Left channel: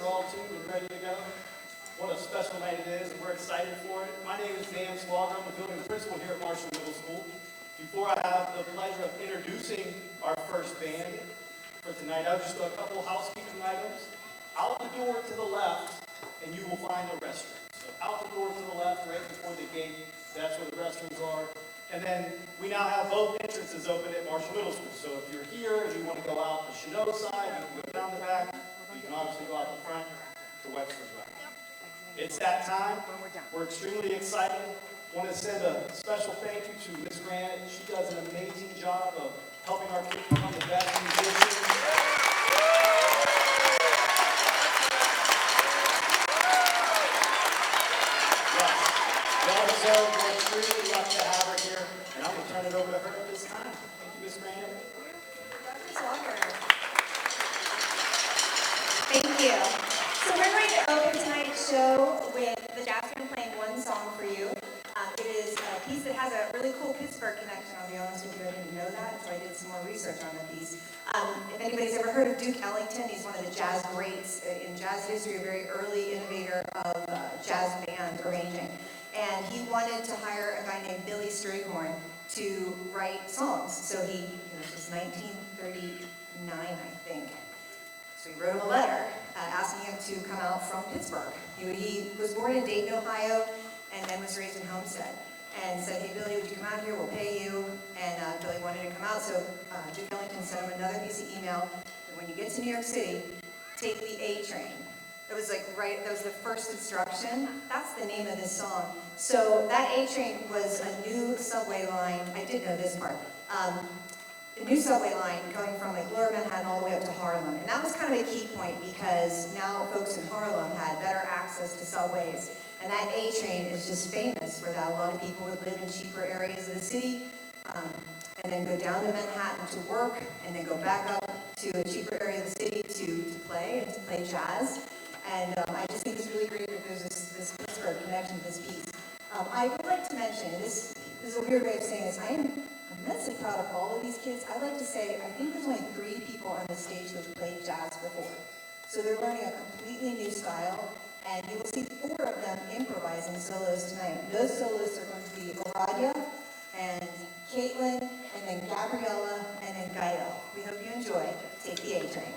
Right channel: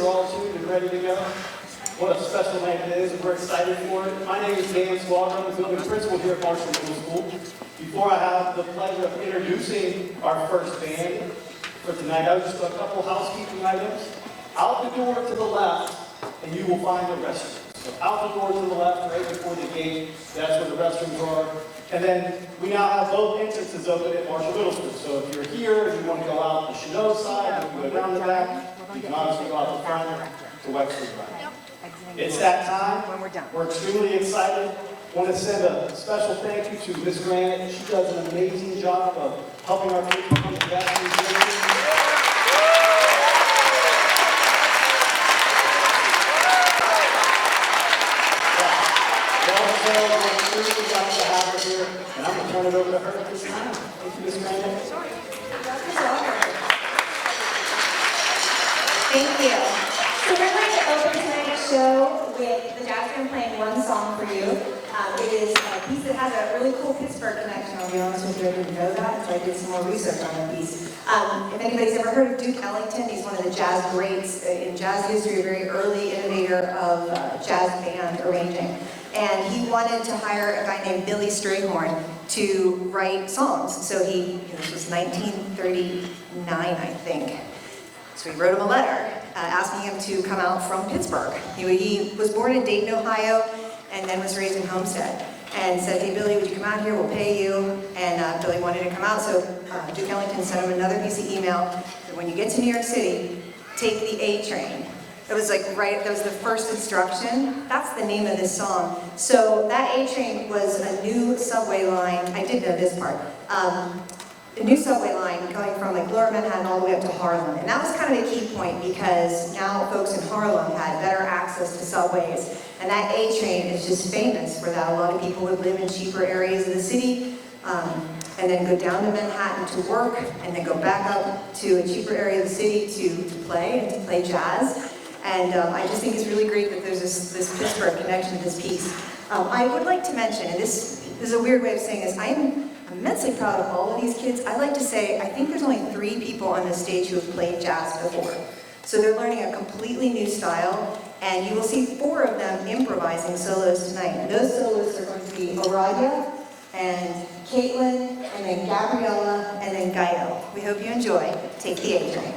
are all tuned and ready to go. What a special night it is, and we're excited for it. My name is Dan Squadron, I'm the principal here at Marshall Middle School. Before I have the pleasure of introducing our first band for tonight, I would just do a couple housekeeping items. Out the door to the left, and you will find the restroom. So out the door to the left, right before the gate, that's where the restrooms are. And then we now have both entrances open at Marshall Middle School. So if you're here and you want to go out the Chanot side, you can go down the back. You can obviously go out the front to Wexford Drive. It's that time. We're extremely excited. Want to send a special thank you to Ms. Grant. She does an amazing job of helping our people put the best musicians. We're extremely glad to have her here, and I'm going to turn it over to her at this time. Thank you, Ms. Grant. Thank you. So we're going to open tonight's show with the Jazz Band playing one song for you. It is a piece that has a really cool Pittsburgh connection. I'll be honest with you, I didn't know that, so I did some more research on the piece. If anybody's ever heard of Duke Ellington, he's one of the jazz greats in jazz history, a very early innovator of jazz band arranging. And he wanted to hire a guy named Billy Strayhorn to write songs. So this was 1939, I think. So he wrote him a letter asking him to come out from Pittsburgh. He was born in Dayton, Ohio, and then was raised in Homestead. And said, hey, Billy, would you come out here? We'll pay you. And Billy wanted to come out, so Duke Ellington sent him another piece of email that when you get to New York City, take the A train. It was that was the first instruction. That's the name of this song. So that A train was a new subway line. I did know this part. A new subway line going from Lower Manhattan all the way up to Harlem. And that was kind of a key point because now folks in Harlem had better access to subways. And that A train is just famous for that. A lot of people would live in cheaper areas of the city and then go down to Manhattan to work and then go back up to a cheaper area of the city to play jazz. And I just think it's really great that there's this Pittsburgh connection to this piece. I would like to mention, and this is a weird way of saying this, I'm immensely proud of all of these kids. I like to say, I think there's only 3 people on this stage who have played jazz before. So they're learning a completely new style, and you will see 4 of them improvising solos tonight. And those solos are going to be Aradia, and Caitlin, and then Gabriella, and then Gaio. We hope you enjoy. Take the A train.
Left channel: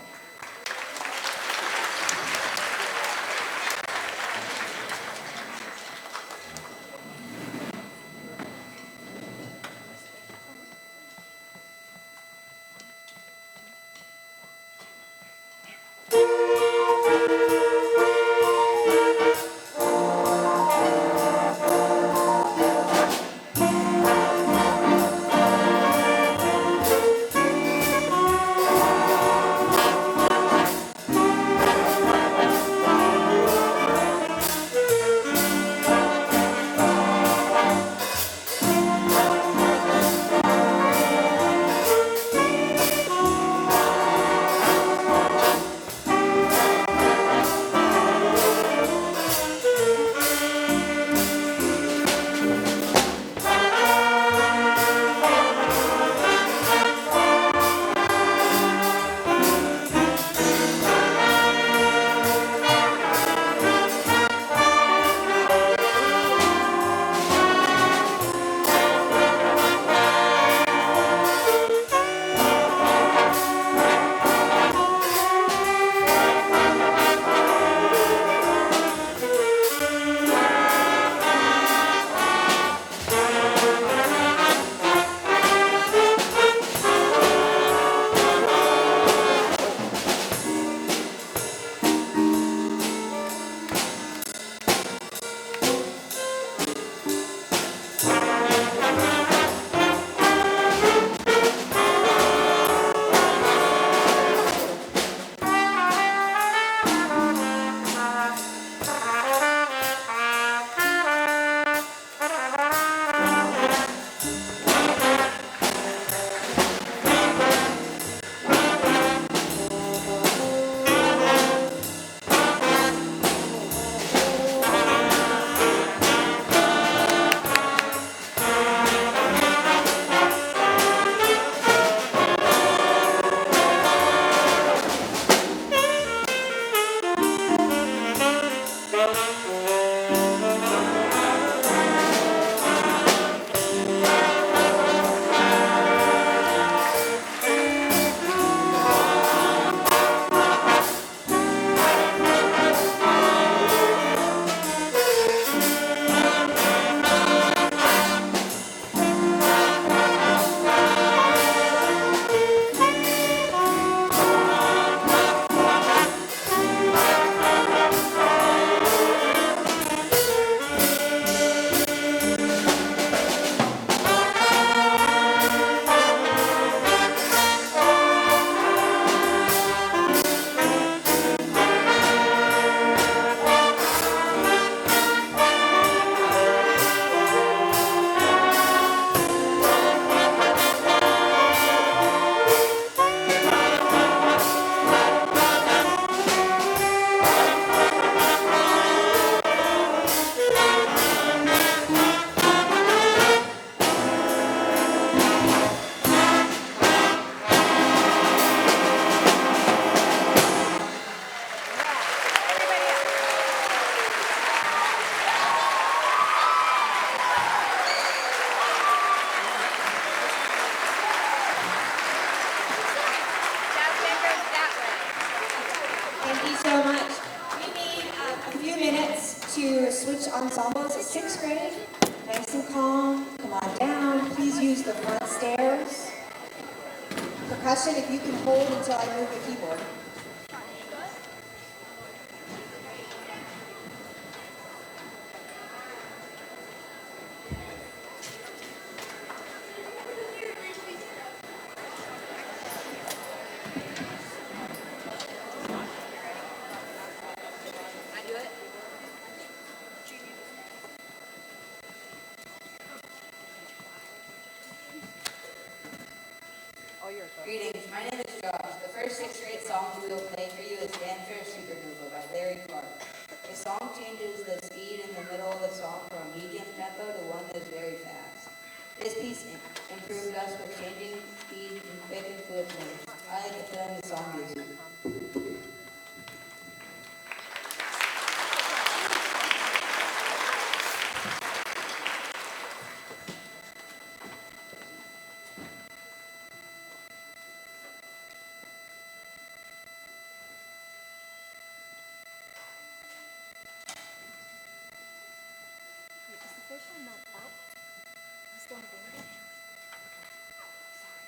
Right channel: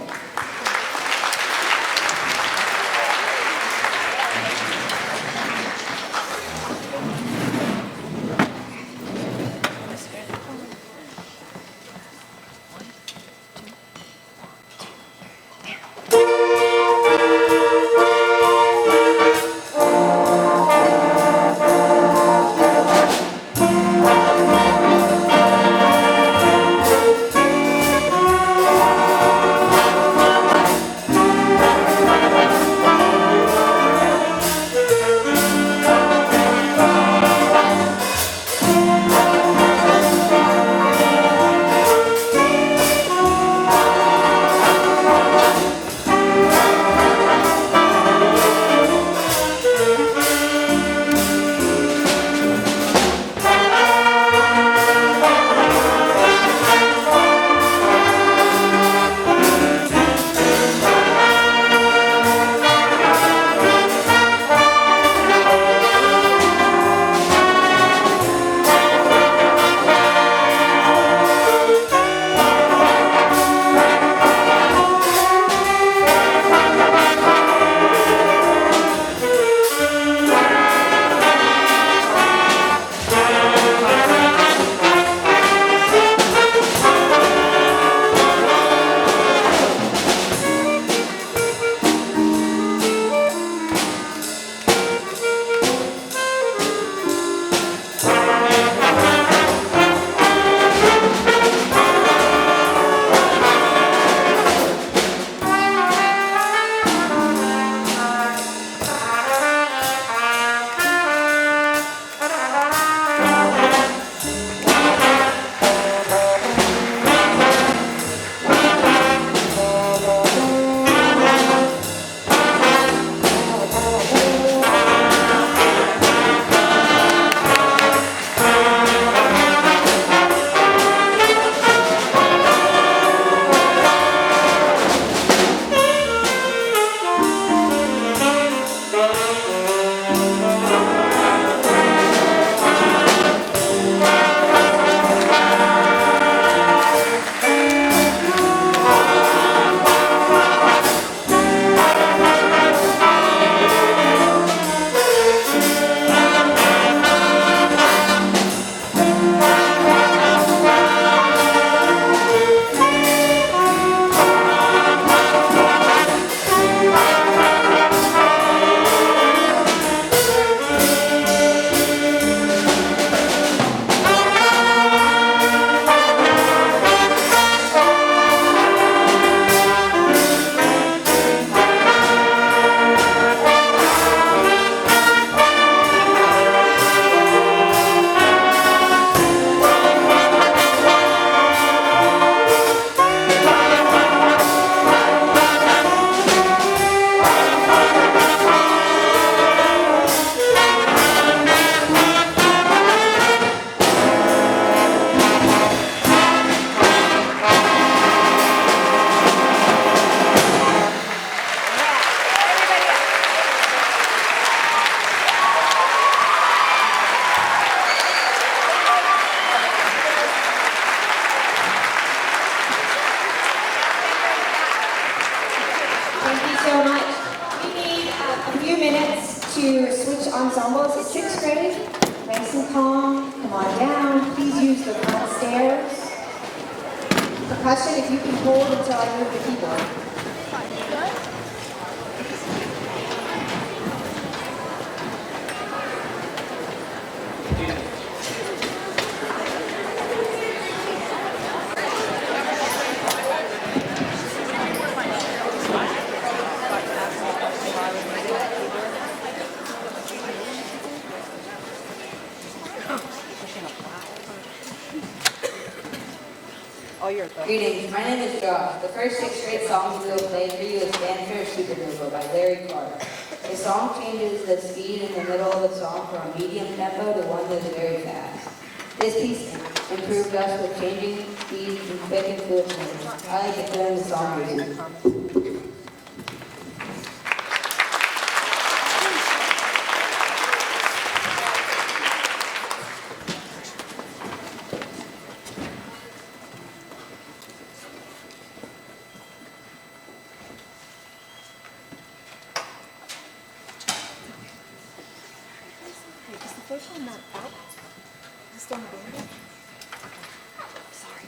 Thank you so much. We need a few minutes to switch ensembles. Sixth grade, nice and calm. Come on down. Please use the front stairs. Percussion, if you can hold until I move the keyboard. Greetings, my name is Josh. The first sixth grade song we will play for you is Fanfare Supernova by Larry Clark. The song changes the speed in the middle of the song from a medium tempo to one that is very fast. This piece improved us with changing speeds and quick and fluid moves. I like to put in the song music. Is the first one not out? Is it still in the band? Sorry.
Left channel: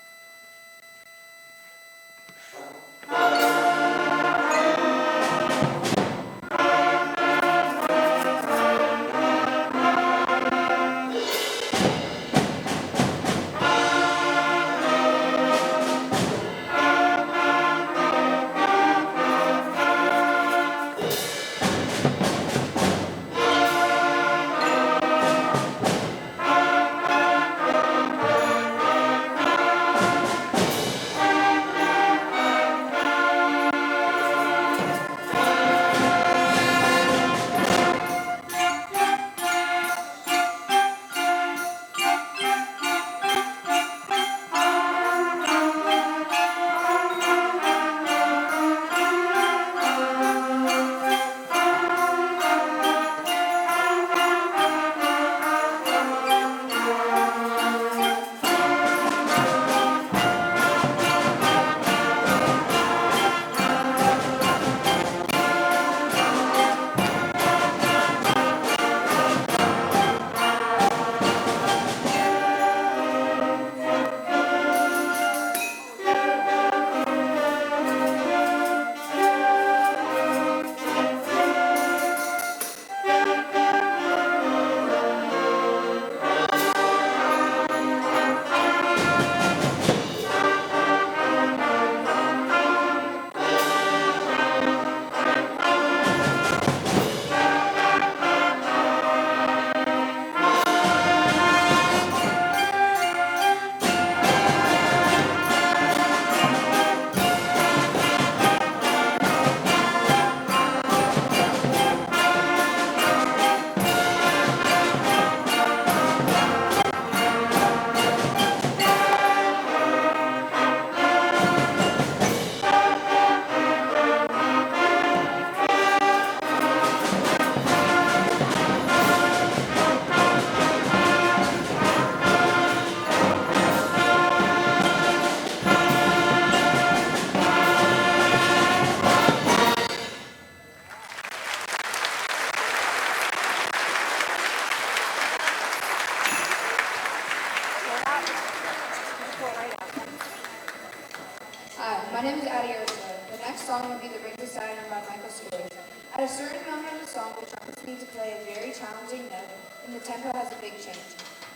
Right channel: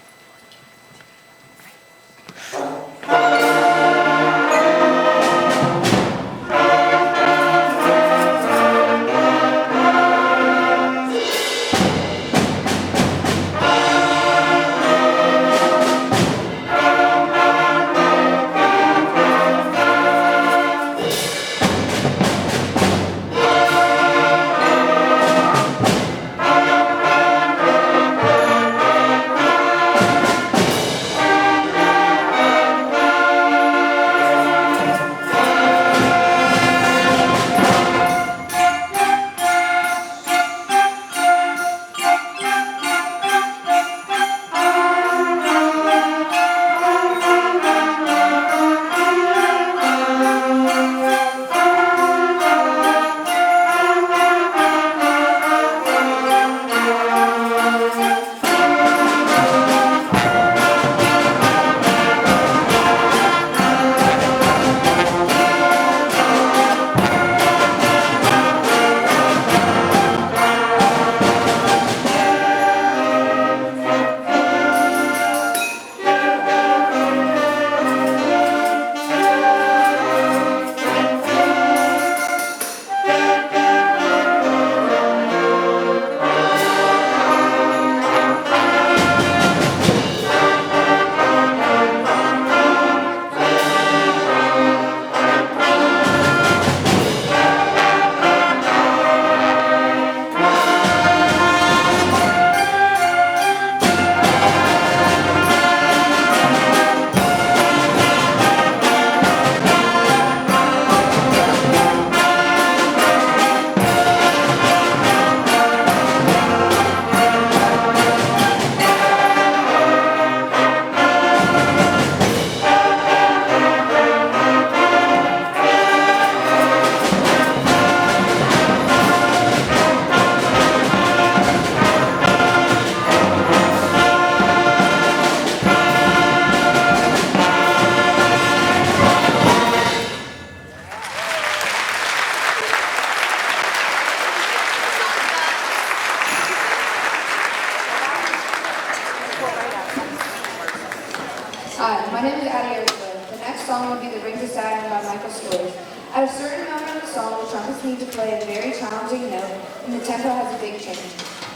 Hi, my name is Addie Ursula. The next song will be The Rings of Saturn by Michael Story. At a certain moment of the song, the trumpets need to play a very challenging note, and the tempo has a big change.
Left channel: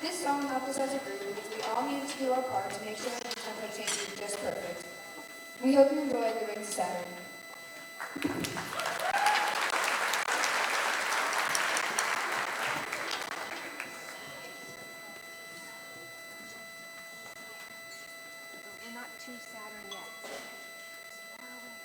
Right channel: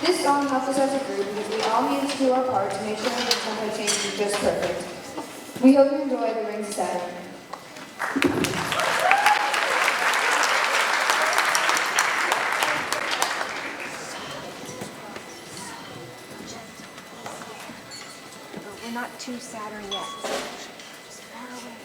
This song helps us as a group because we all need to do our part to make sure that the tempo change is just perfect. We hope you enjoy The Rings of Saturn. But we're not too Saturn yet. Just far away.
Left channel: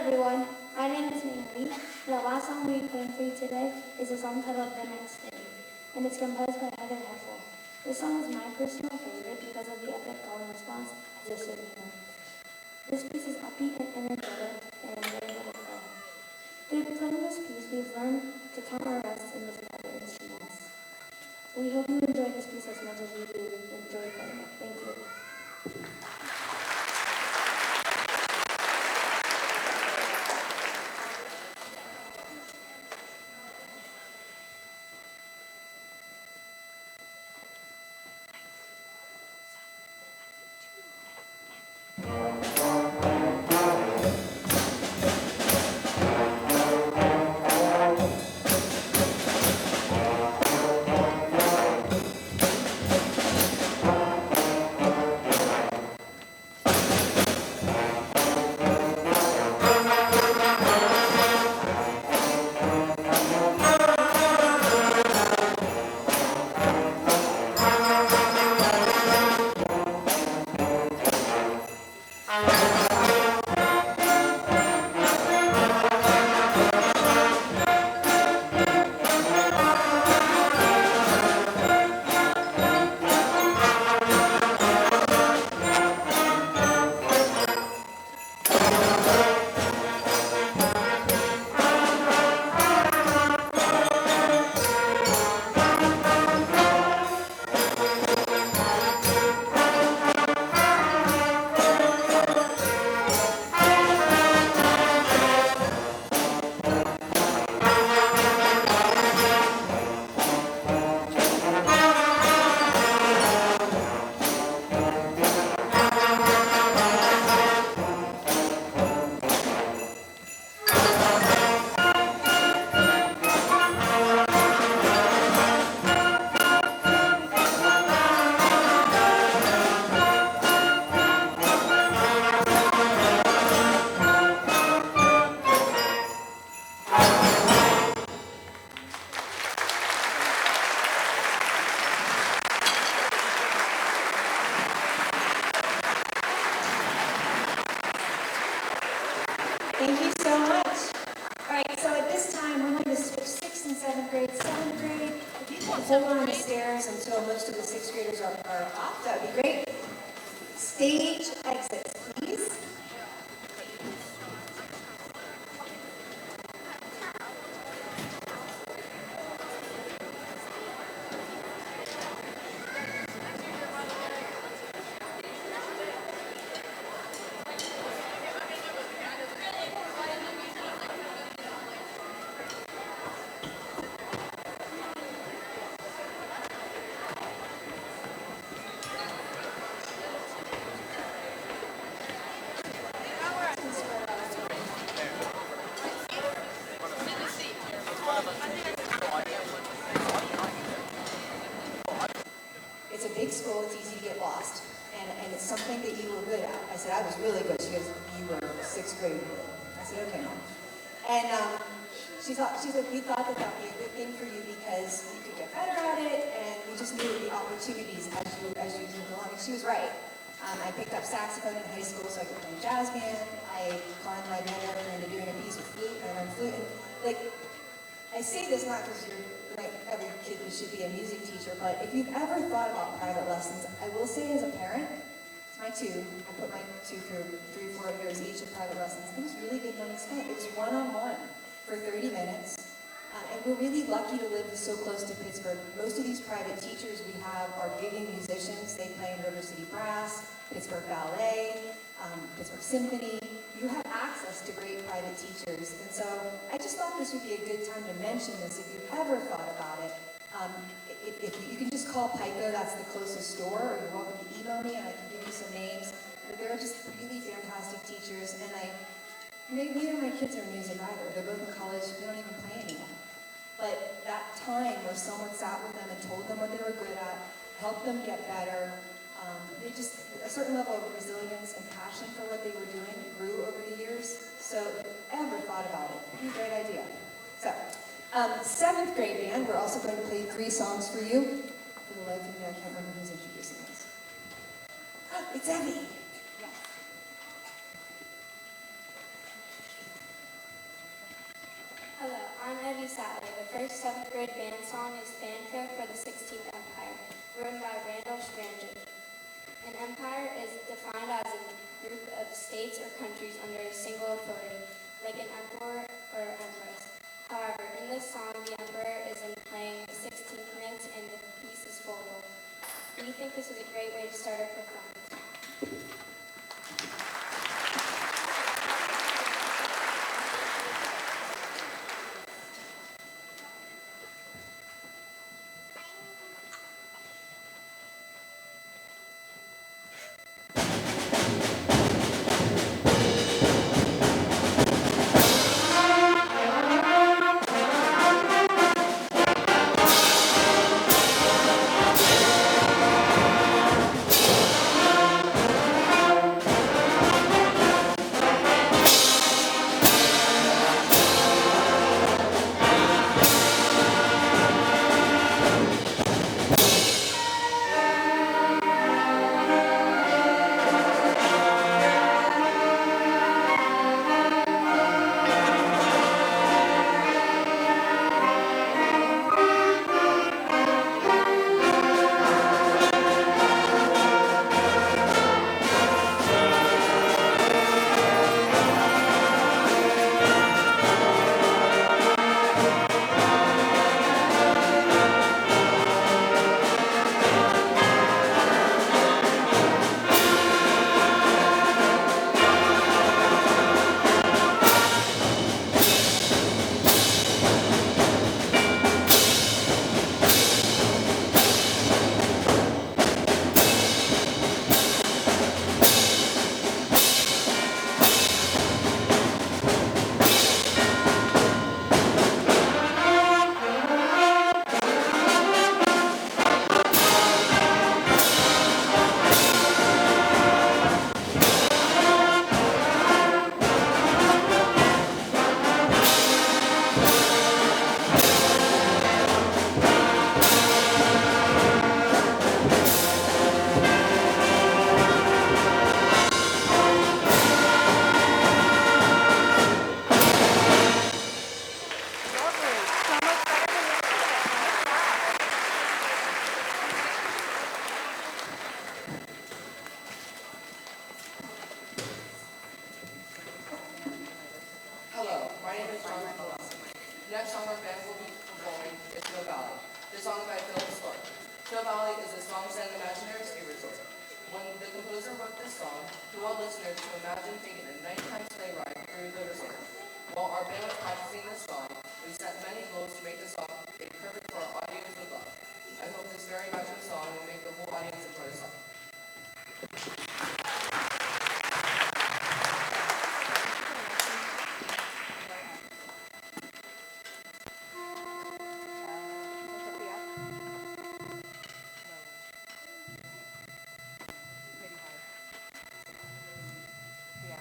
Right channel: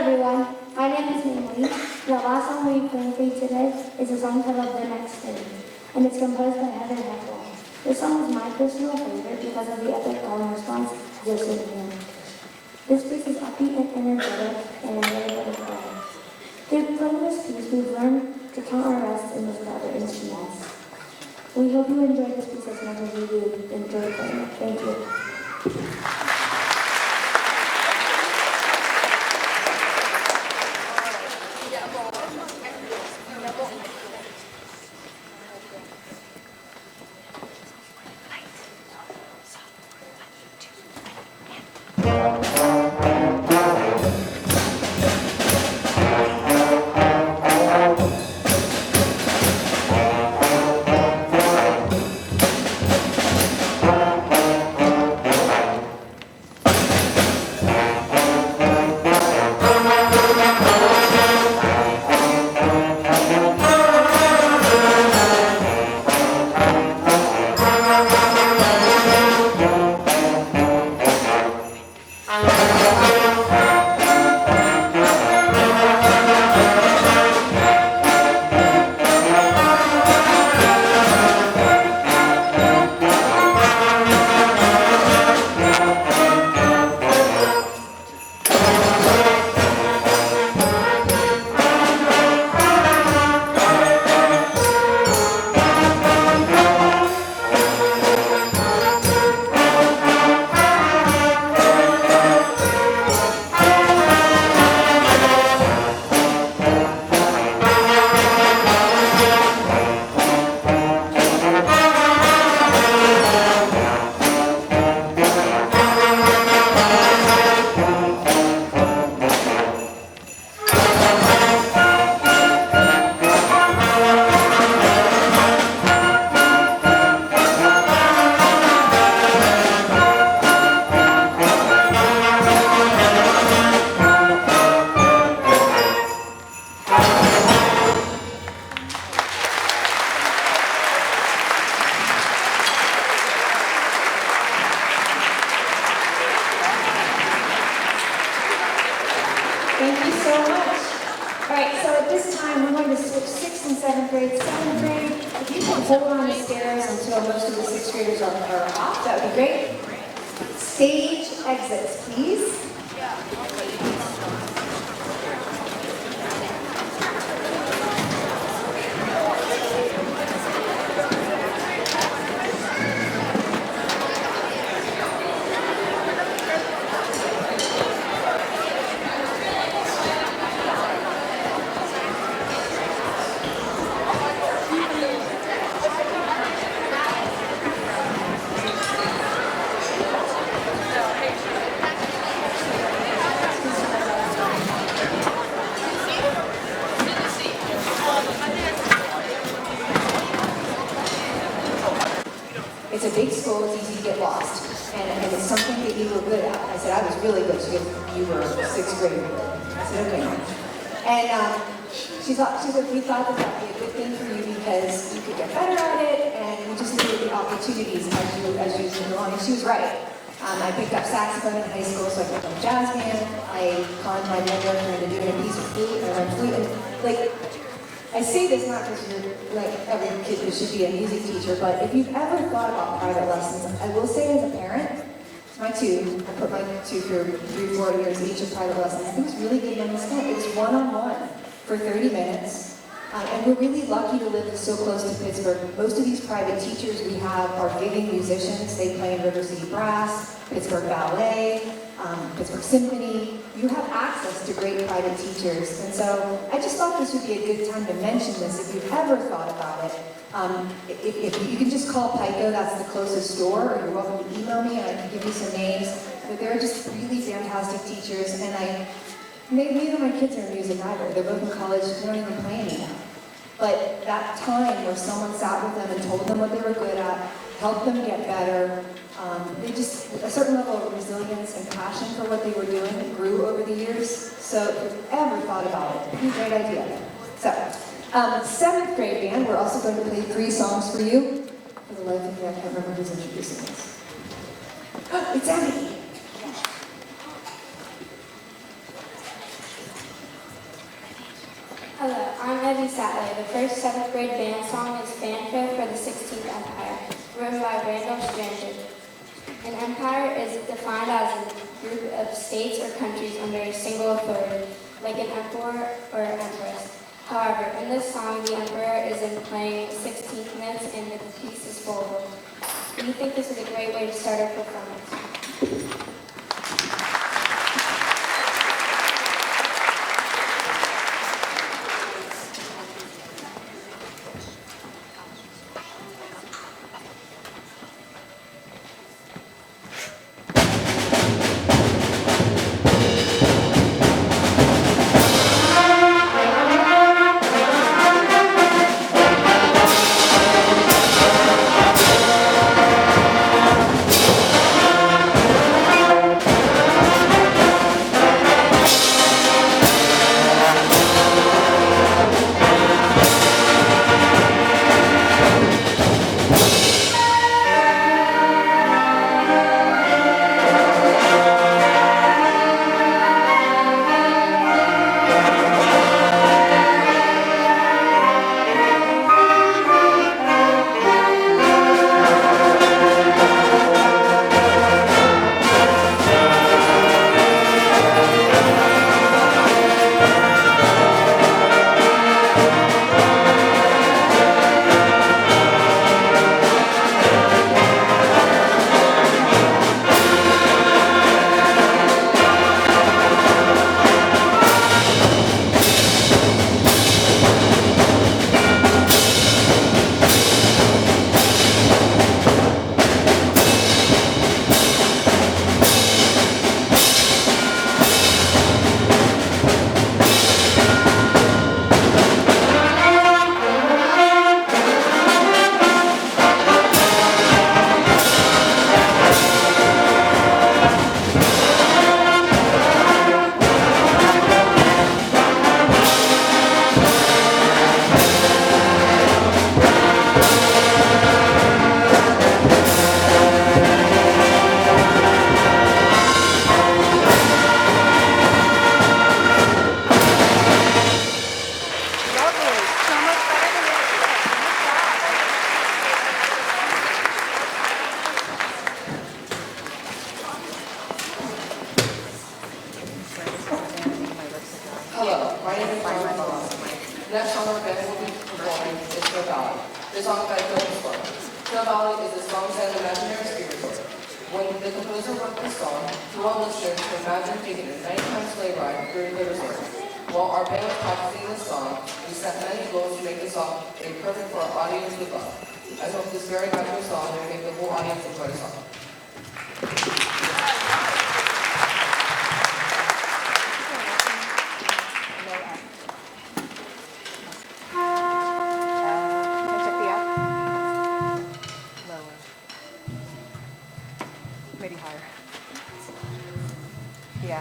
everyone, my name is Naomi. The last song we're playing for you today is a song titled The Next Day, and it's composed by Heather Heffel. This song is my personal favorite because of the epic call and response just in here. This piece is upbeat and energetic, and I'm really let it go. Through playing this piece, we've learned to count our rests and listen to other instruments. We hope you enjoy this piece as much as we do enjoy playing it. Thank you. Thank you so much. All right, so at this time, we're going to switch 6th and 7th grade. 7th grade, if you can hold on the stairs until most of the 6th graders are off, that would be great. Stage exits, please. It's a big school, it's easy to get lost. And it's something that you were good at. I said, I was really good. She goes, you were 6th grade. I said, okay. And she said, we thought that that'd be a good thing for you because you could get better at it and you just needed the opportunities as you go along. And she was right. I picked up saxophone in high school, so I picked up jazz band. I conned my mentor into doing a piece of flute. I learned flute. And, like, I say this not because you're like every kid who should be a music teacher, but if you've ever thought about private lessons, I will say as a parent, my two, I put my two through 3-4 years each of private lessons. It was really good money spent. It was one-on-one for 30 minutes. And we're really lucky to live so close to Pittsburgh. Most of these private teachers we have are giving musicians. They play in River City Brass, Pittsburgh Ballet, Pittsburgh Symphony. You have access to great private teachers. And so I just thought this would be a good time to mention this if you've ever thought about it. If you can just call Pico, that's the closest store, or you're welcome to email me and I can give you some names. But they're just really fantastic teachers. And neither of my kids are in music either. They're both in college, they don't even play anymore. But that time where someone sat with them and told them what they were good at, helped them get better, they just, a certain level of resilience and passion for what they were doing grew over the years. So if you've ever thought about it, it'd be a great idea. So, 7th grade band, we're also going to play 3 songs for you. For the life of me, I can't remember who's introducing this. It's Abby. Hello, I'm Evie Sattler. The first 7th grade band song is Fanfare for the 16th Empire, written by Randolph Stranded. An empire is defined as a group of states or countries under a single authority, like an emperor or empress. However, in this song, the emperor isn't playing 16th notes and the piece is forward. We think this is a great way to start our performance. Hello, my name is Brian Malone. The next song our band will be performing is Snow Valley. This song is by Phil Spark. Snow Valley is a song set in imaginary spiritual. When the composer wrote this song, he wanted listeners to imagine taking a nighttime sleigh ride through the resort. While our band was practicing this song, we set many goals to make the song perfect for our audience to love. I hope this very magical song will make the whole audience enjoy the song. Maybe higher. Yeah.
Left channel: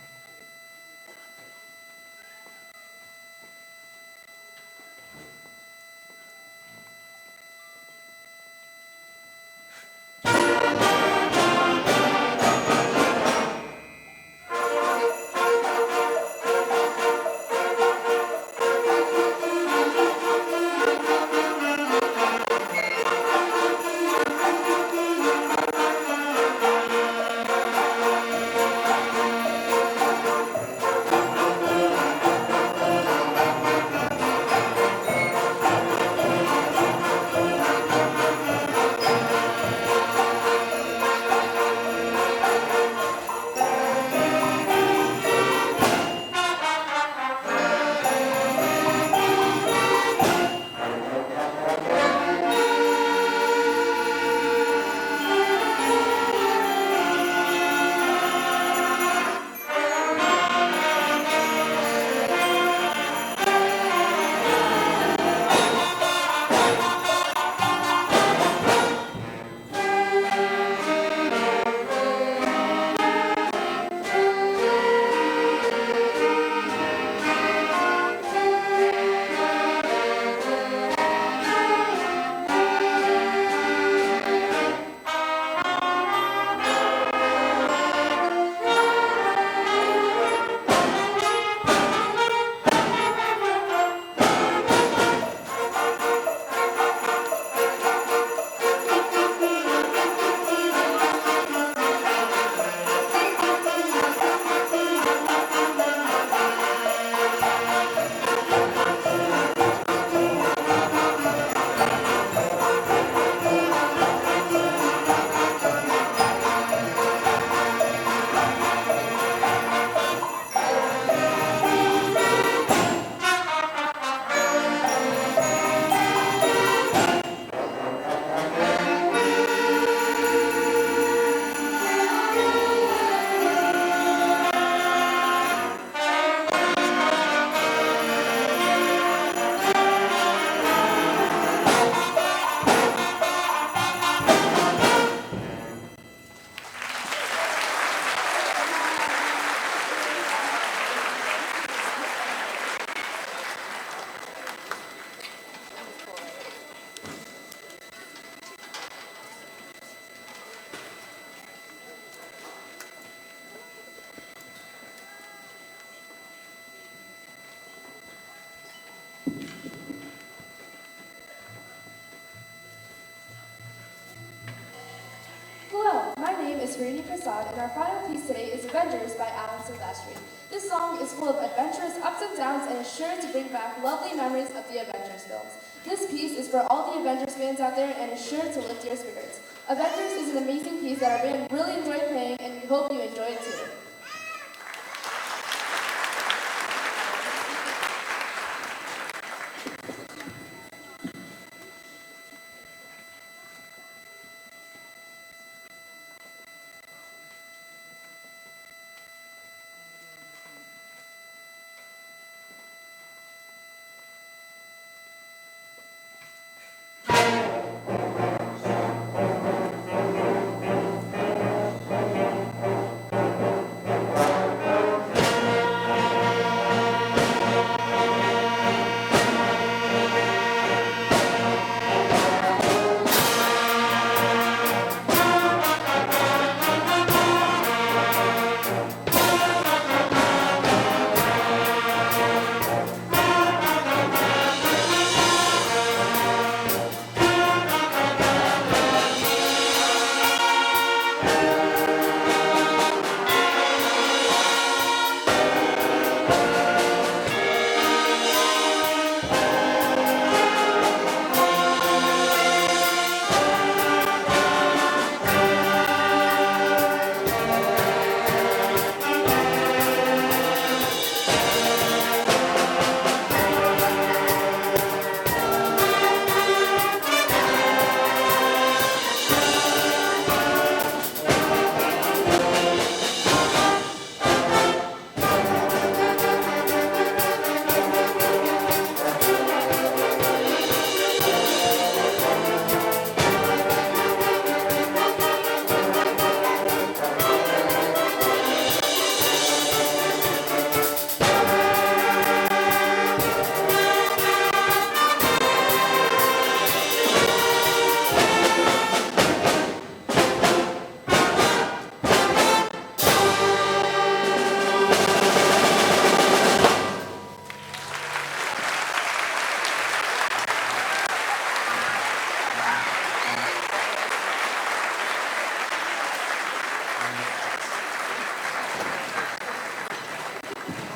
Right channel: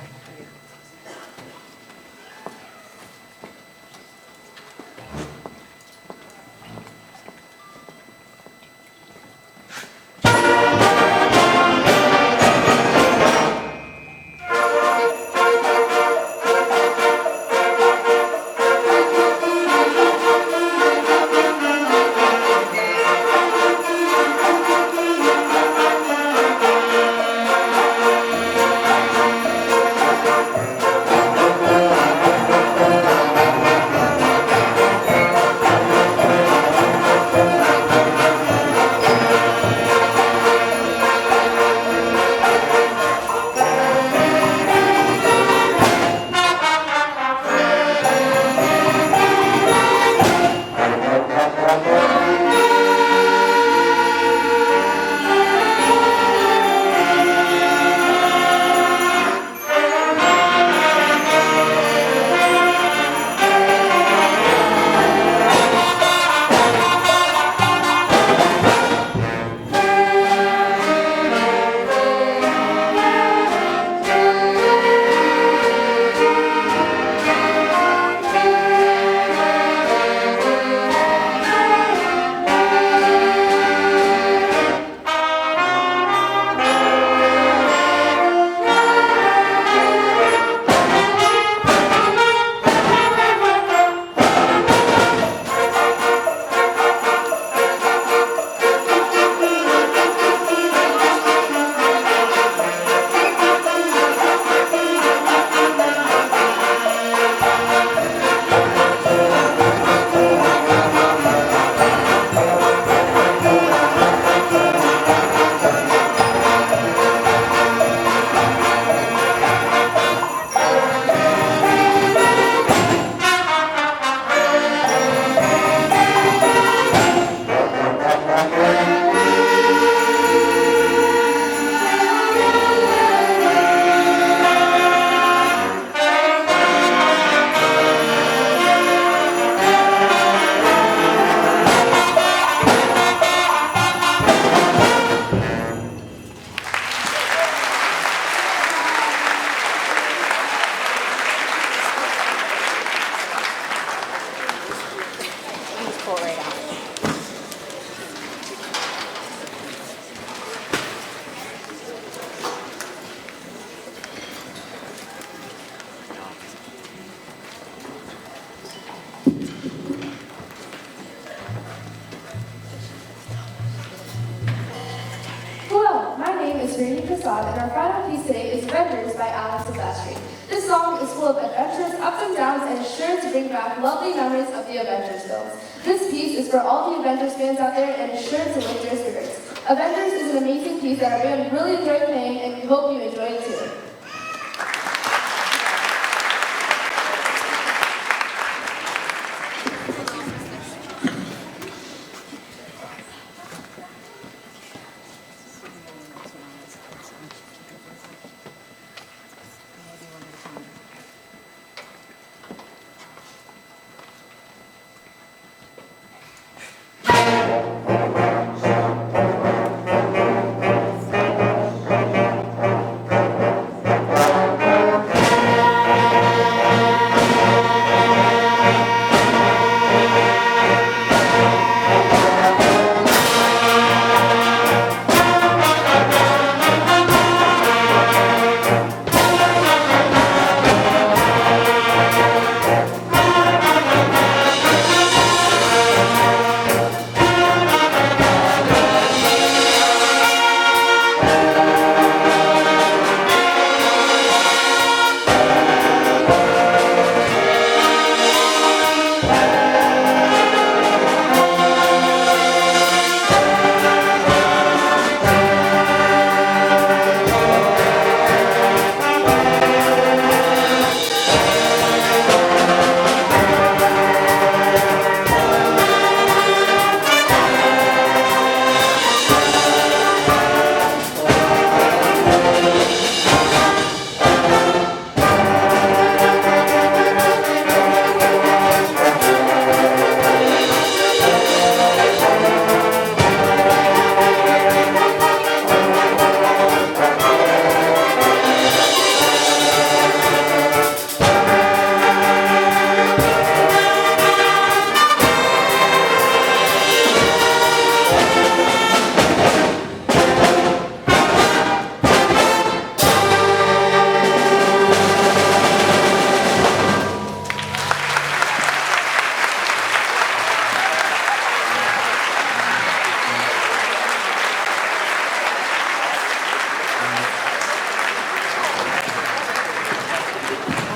the song, and our final piece today is Avengers by Alex Silvestri. This song is full of adventures, ups and downs, and is sure to bring back lovely memories of the Avengers films. This piece is for all the Avengers fans out there and is sure to lift your spirits. Avengers is an amazing piece that our band really enjoyed playing, and we hope you enjoy it too.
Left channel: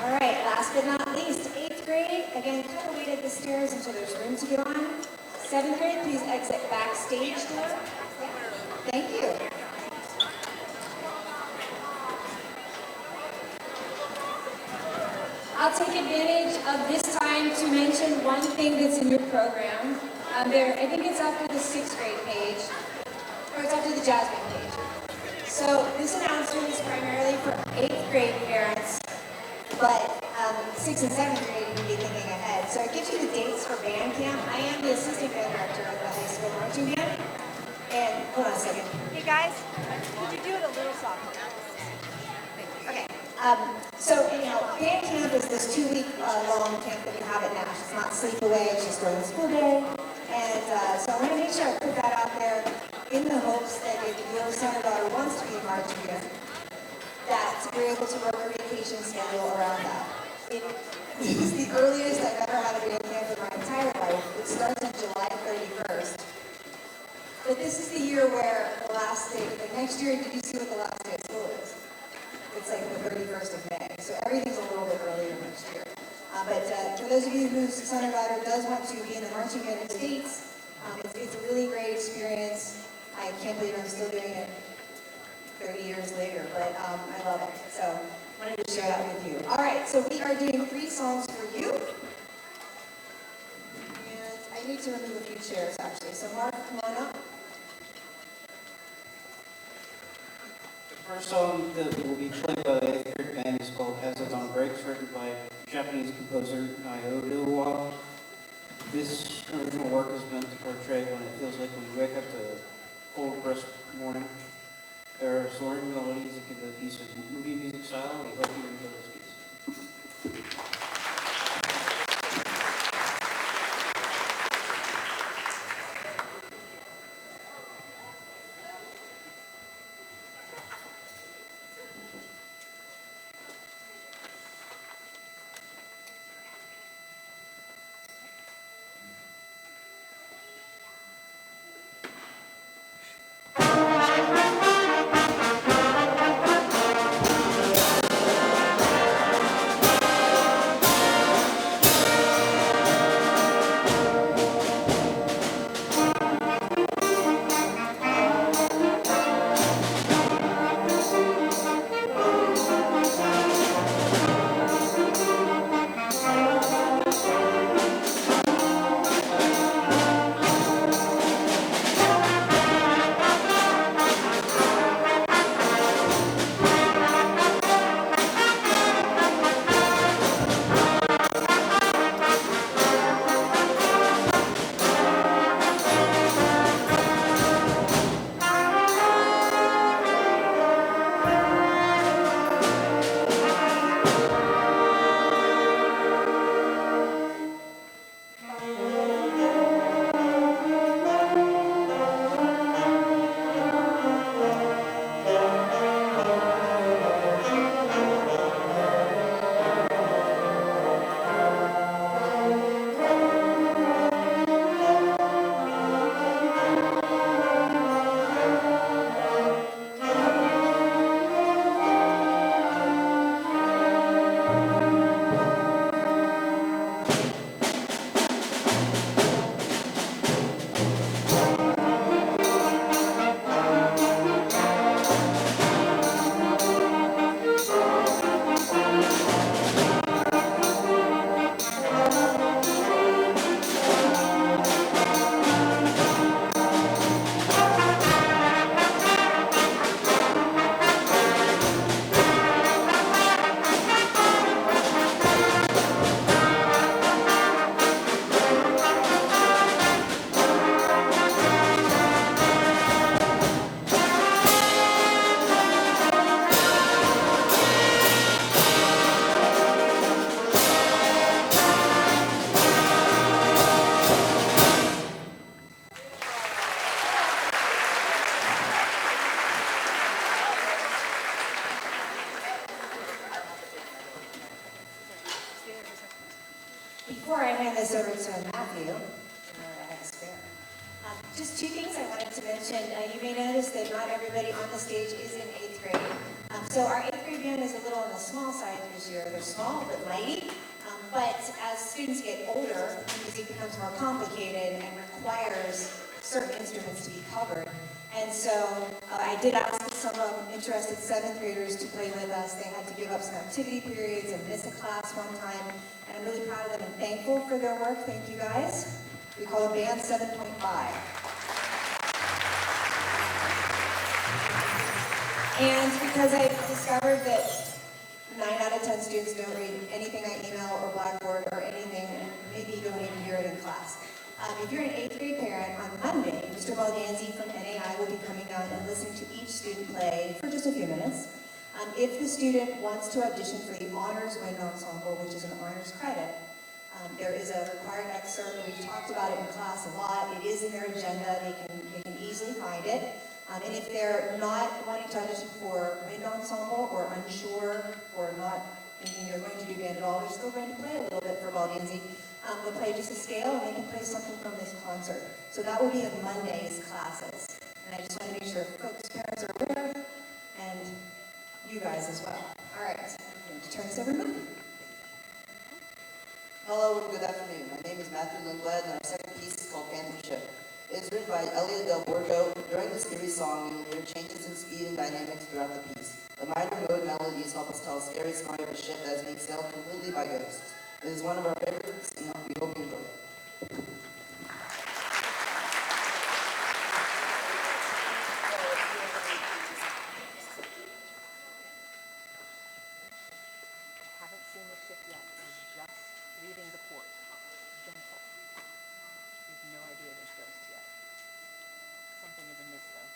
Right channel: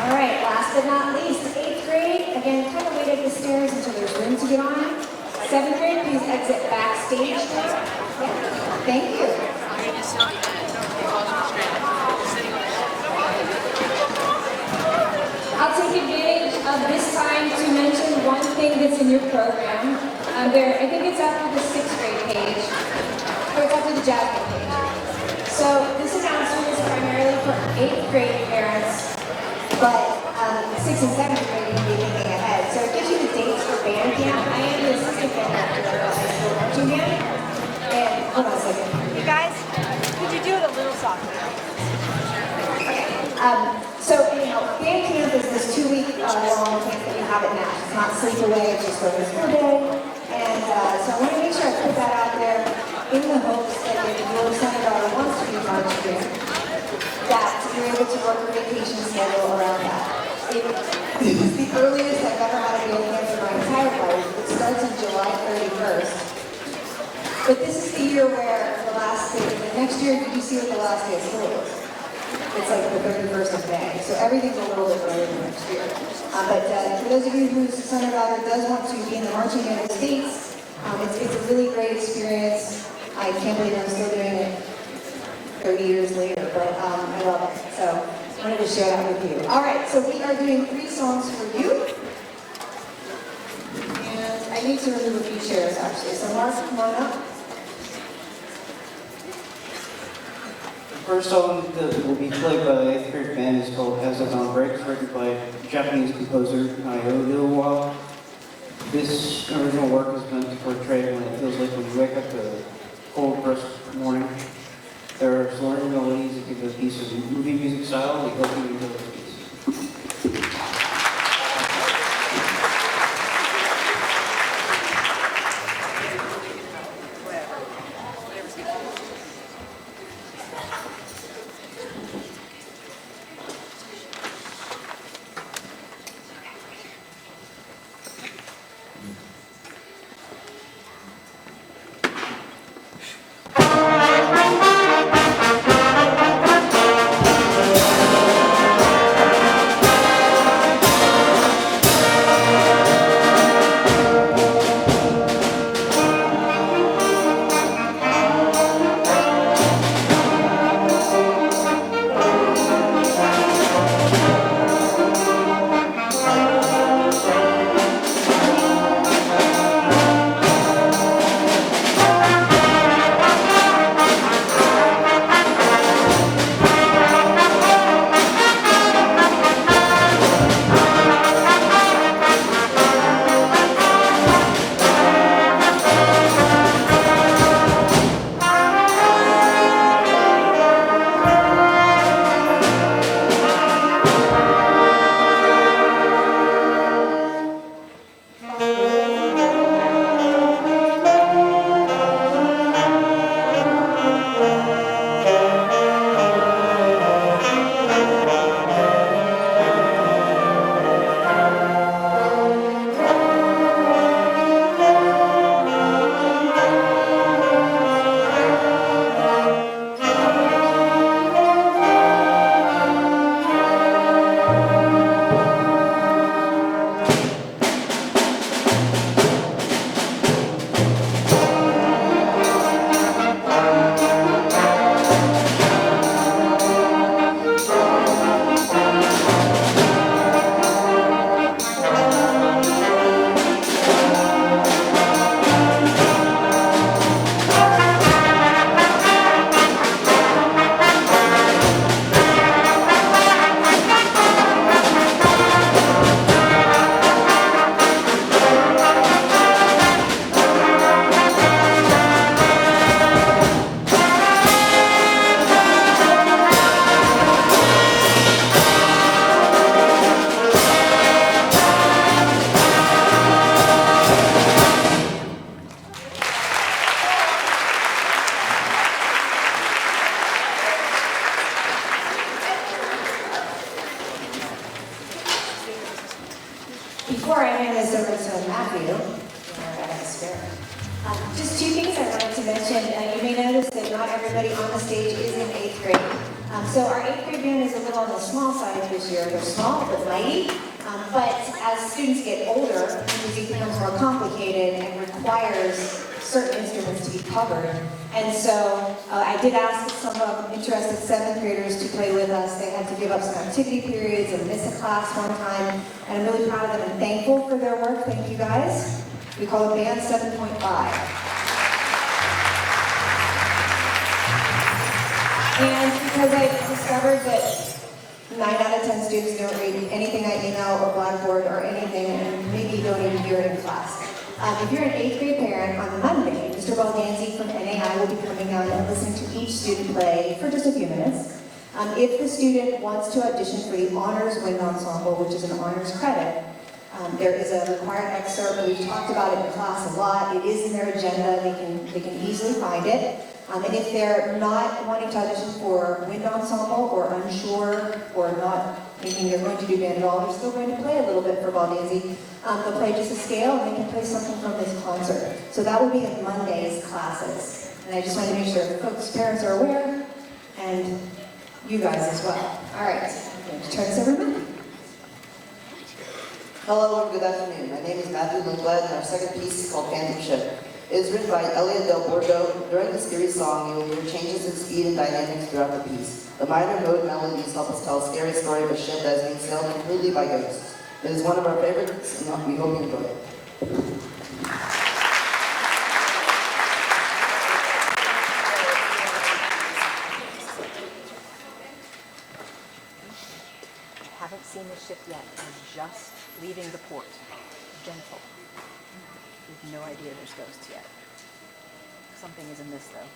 All right, last but not least, 8th grade. Again, kind of wait up the stairs until there's room to get on. 7th grade, please exit backstage now. Yeah, thank you. I'll take advantage of this time to mention one thing that's in your program. I think it's after the 6th grade page, or it's after the Jasmine page. So this announcement is primarily for 8th grade parents, but 6th and 7th grade you can be thinking ahead. So it gives you the dates for band camp. I am the assistant band director of the high school marching band. And hold on a second. Hey guys, could you do it a little softer? Okay. So anyhow, band camp is this 2-week long camp that we have at Nash. It's not sleep away, it's just over the school day. And so I want to make sure I put that out there in the hopes that if your son or daughter wants to be marching band, that you're able to work a vacation schedule around that. It is the earliest I've ever had a band camp in my entire life. It starts on July 31st. But this is the year where the last day, the next year, did you see what the last day of school is? It's like the 31st of May. So everything's a little bit earlier than next year. But for those of you whose son or daughter does want to be in the marching band of the States, it's a really great experience. I can't believe I'm still doing it 30 years later, but I love it. So I wanted to share that with you. All right, so we are doing 3 songs for you. And I need to remove a few chairs, actually. So Mark, come on up. The first song that will be played by the 8th grade band is called Hazard on Break, written by Japanese composer Naoto Iliwa. This original work is meant to portray when it feels like when you wake up to a cold, brisk morning. There are soaring melodies that give the piece of movie music style. We hope you enjoy the piece. Thank you. Before I hand this over to Matthew, just two things I wanted to mention. You may notice that not everybody on the stage is in 8th grade. So our 8th grade band is a little on the small side this year. They're small but mighty. But as students get older, music becomes more complicated and requires certain instruments to be covered. And so I did ask some of interested 7th graders to play with us. They had to give up some activity periods and miss a class one time. And I'm really proud of them and thankful for their work. Thank you guys. We call it Band 7.5. And because I discovered that 9 out of 10 students don't read anything I email or Blackboard or anything, and maybe don't even hear it in class. If you're an 8th grade parent, on Monday, Mr. Baldanzi from NAI will be coming out and listening to each student play for just a few minutes. If the student wants to audition for the Honors Wind Ensemble, which is an honors credit, there is a required excerpt. We've talked about it in class a lot. It is in their agenda. They can easily find it. And if they're not wanting to audition for wind ensemble or unsure or not thinking they're going to do band at all, they're still going to play a little bit for Baldanzi. They'll play just a scale and they can play something from this concert. So that will be in Monday's classes. And I just want to make sure folks, parents are aware, and you guys as well. All right, I'm going to turn this over to Matthew. Hello and good afternoon. My name is Matthew Lindblad and our second piece is called Phantom Ship. It is written by Elliot Del Borgo. During this series song, you will hear changes in speed and dynamics throughout the piece. The minor mode melodies help us tell a scary story of a ship that is being sailed completely by ghosts. It is one of our favorites, and we hope you enjoy it. Haven't seen the ship yet. We're just leaving the port. Gentle. We have no idea there's ghosts yet. Something is amiss, though.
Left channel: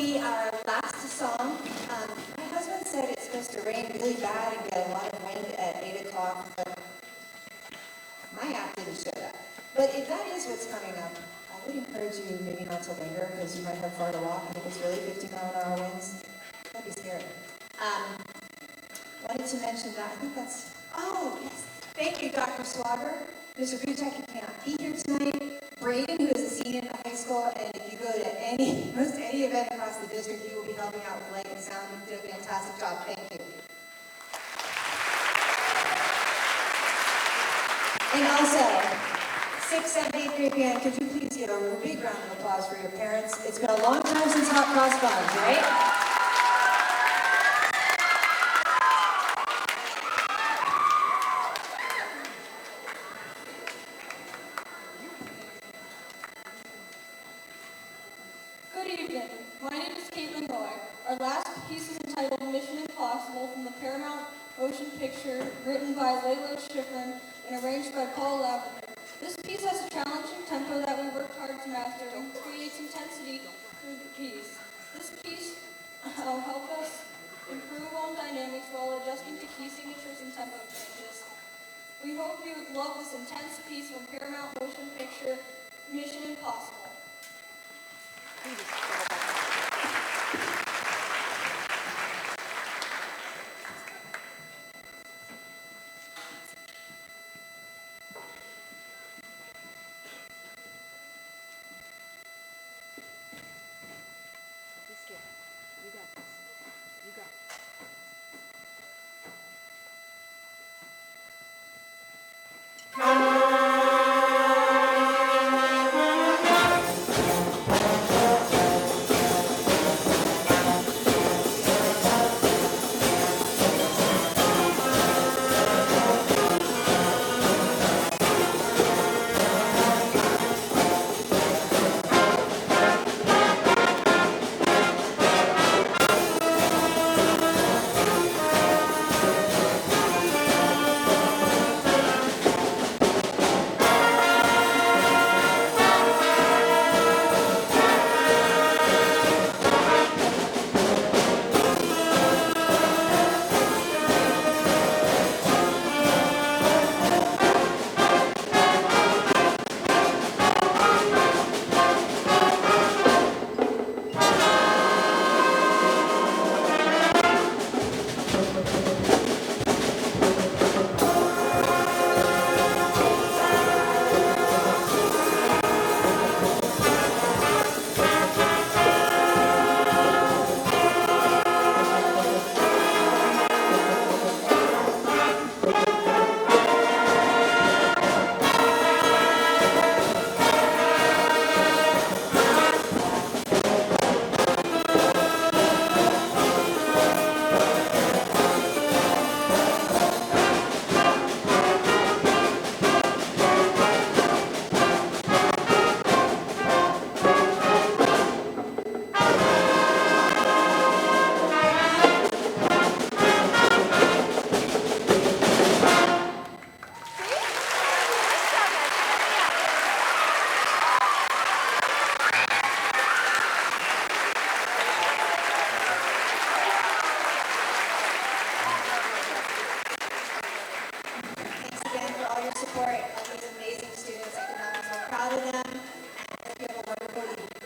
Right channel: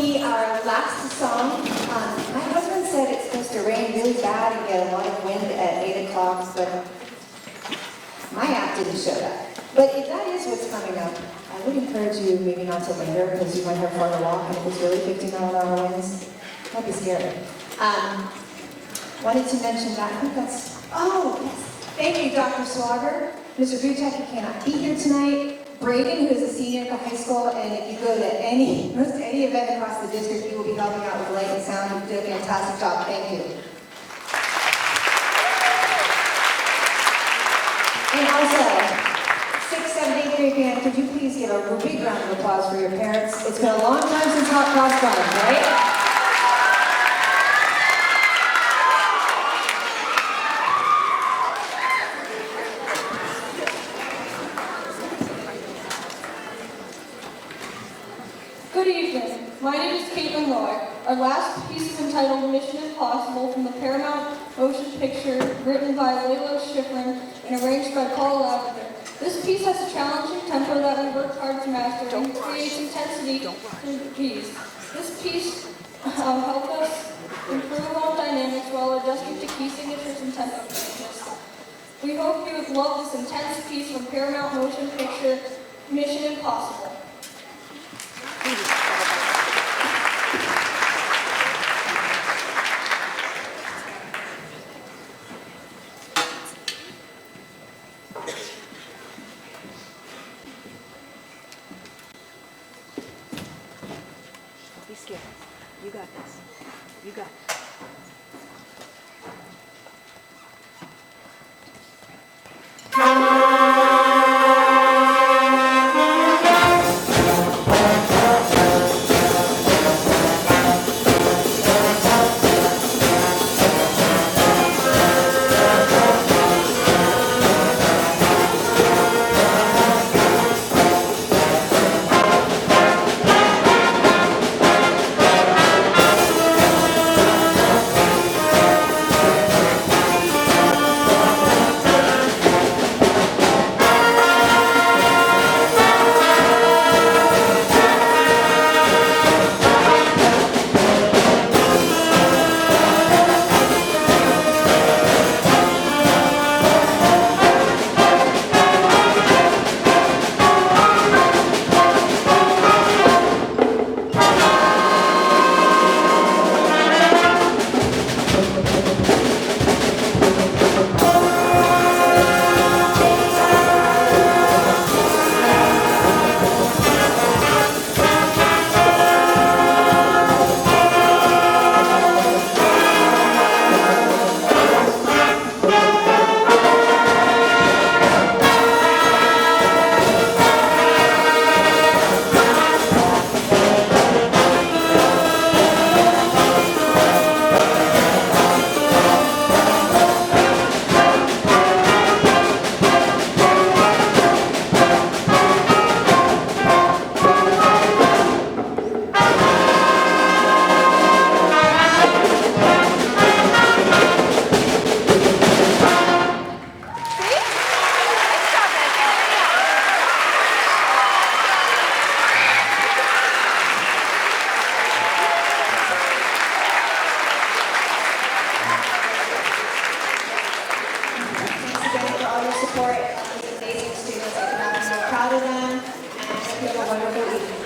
be our last song. My husband said it's supposed to rain really bad and get a lot of wind at 8 o'clock, but my app didn't show that. But if that is what's coming up, I would encourage you maybe not to linger because you might have far to walk, and if it's really 50-mile-an-hour winds, that'd be scary. Wanted to mention that. I think that's, oh, yes. Thank you, Dr. Swagger. Mr. Butek, he cannot be here tonight. Braden, who is a senior at the high school, and if you go to most any event across the district, he will be helping out with light and sound. You did a fantastic job. Thank you. And also, 6th, 7th, 8th grade band, could you please give a big round of applause for your parents? It's been a long time since Hot Cross Buns, right? Good evening. My name is Caitlin Roy. Our last piece is entitled Mission Impossible from the Paramount Motion Picture, written by Layla Schifrin and arranged by Paul Lavender. This piece has a challenging tempo that we worked hard to master and creates intensity through the piece. This piece helped us improve on dynamics while adjusting to key signatures and tempo changes. We hope you would love this intense piece from Paramount Motion Picture, Mission Impossible. Don't be scared. You got this. You got this. Support of these amazing students. I cannot be so proud of them, and I hope you have a wonderful evening.